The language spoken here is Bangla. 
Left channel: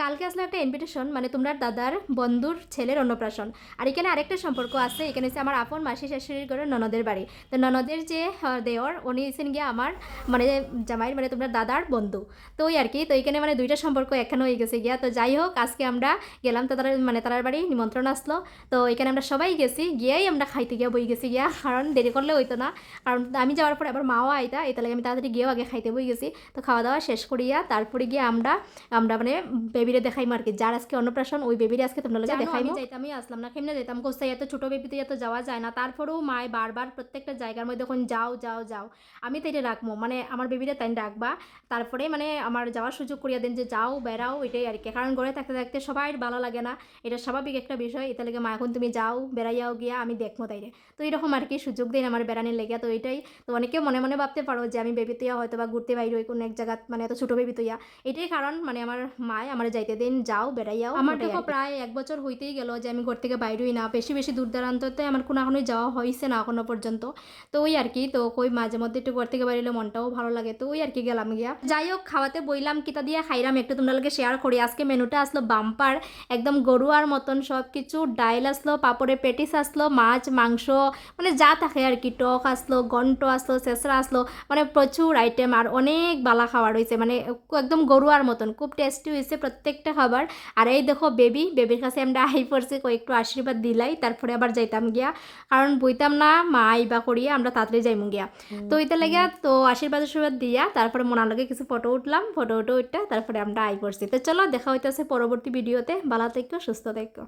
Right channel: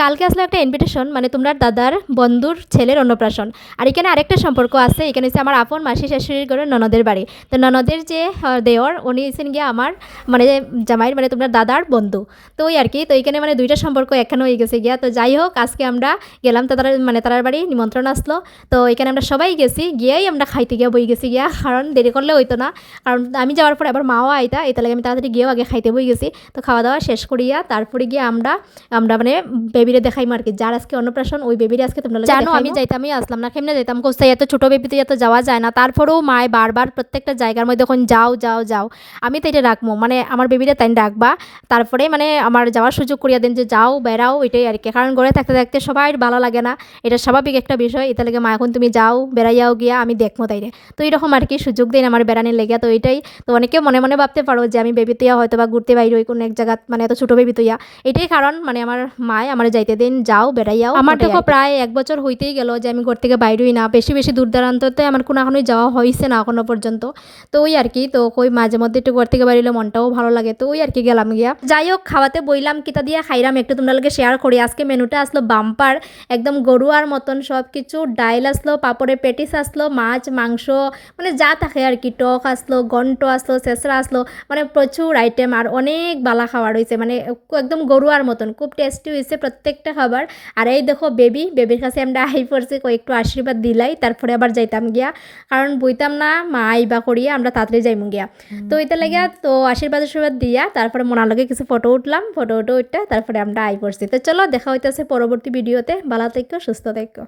কালকে আসলে একটা ইনভিটেশন, মানে তোমরা দাদার বন্ধুর ছেলের অন্নপ্রাশন। আর এখানে আরেকটা সম্পর্ক আছে, এখানে হচ্ছে আমার আপন মাসি শাশুড়ির ঘরে ননদের বাড়ি। তো ননদের যে দেওর উনি হচ্ছেন গিয়ে আমার মানে জামাইয়ের মানে তোমরা দাদার বন্ধু। তো ওই আর কি, তো এখানে মানে দুইটা সম্পর্ক একখানে হয়ে গেছে গিয়া। তো যাই হোক, আজকে আমরা গেলাম তো তারা মানে তারার বাড়ি নিমন্ত্রণ আসলো। তো এখানে আমরা সবাই গেছি, গিয়েই আমরা খাইতে গিয়ে বই গেছি গিয়া, কারণ দেরি করলে হইতো না। কারণ আমি যাওয়ার পর আবার মাও আইতা, এটা লাগে আমি তাড়াতাড়ি গিয়েও আগে খাইতে বই গেছি। তো খাওয়া দাওয়া শেষ করিয়া তারপরে গিয়ে আমরা আমরা মানে বেবিরে দেখাইমো আর কি, যার আজকে অন্নপ্রাশন ওই বেবিরে আজকে তোমরা জানো আমি যাইতামই আসলাম না, কেমনে যাইতাম কোথায়, এত ছোট বেবিতে এত যাওয়া যায় না। তারপরেও মায় বারবার প্রত্যেকটা জায়গার মধ্যে এখন যাও যাও যাও, আমি তো এটা রাখবো মানে আমার বেবিরে তাই রাখবা। তারপরে মানে আমার যাওয়ার সুযোগ করিয়া দেন যে যাও বেড়াও, এটাই আর কি। কারণ ঘরে থাকতে থাকতে সবাই ভালো লাগে না, এটা স্বাভাবিক একটা বিষয়। এটা লাগে মা এখন তুমি যাও বেড়াইয়াও গিয়া আমি দেখবো তাইরে। তো এইরকম আর কি সুযোগ দিন আমার বেড়ানির লেগে। তো এটাই, তো অনেকেও মনে মনে ভাবতে পারো যে আমি বেবি তুইয়া হয়তো বা ঘুরতে বাইরে ওই কোনো এক জায়গা, মানে এত ছোট বেবি তুইয়া। এটাই কারণ মানে আমার মায় আমার যাইতে দিন যাও বেড়াইয়াও। আমার দেখো প্রায় 1 বছর হইতেই গেল যে আমি ঘর থেকে বাইরেই না, বেশি বেশি দূর দূরান্ততে আমার কোনোখানোই যাওয়া হয়েছে না এখনো পর্যন্ত। তো ওই আর কি, তো ওই মাঝে মধ্যে একটু ঘর থেকে বাইরে মনটাও ভালো লাগে। তো ওই আর কি গেলাম গিয়া। যাই হোক, খাওয়াতে বইলাম কিতা দিয়া খাইলাম একটু তোমরা লগে শেয়ার করি। আজকে মেনুটা আসলো বাম্পার, একদম গরুয়ার মতন সব কিছু। ডাইল আসলো, পাপড়ের পেটিস আসলো, মাছ মাংস মানে যা থাকে আর কি, টক আসলো, ঘন্ট আসলো, চেঁচড়া আসলো, মানে প্রচুর আইটেম আর অনেক বালা খাবার হয়েছে, মানে একদম গরুয়ার মতন খুব টেস্টি হয়েছে প্রত্যেকটা খাবার। আর এই দেখো বেবির কাছে আমরা আই পড়ছি, একটু আশীর্বাদ দিলাই তারপরে আবার যাইতাম গিয়া, কারণ বইতাম না মা আইবা করিয়া আমরা তাড়াতাড়ি যাইমু গিয়া। তো এটা লাগিয়া তো আশীর্বাদ দিয়া তারপরে মনার লগে কিছু ফটো উঠলাম, ফটো উঠে তারপরে আমরা আই পড়ছি। তো চলো দেখা হইতেছে পরবর্তী ভিডিওতে। ভালো থেকো, সুস্থ থেকো।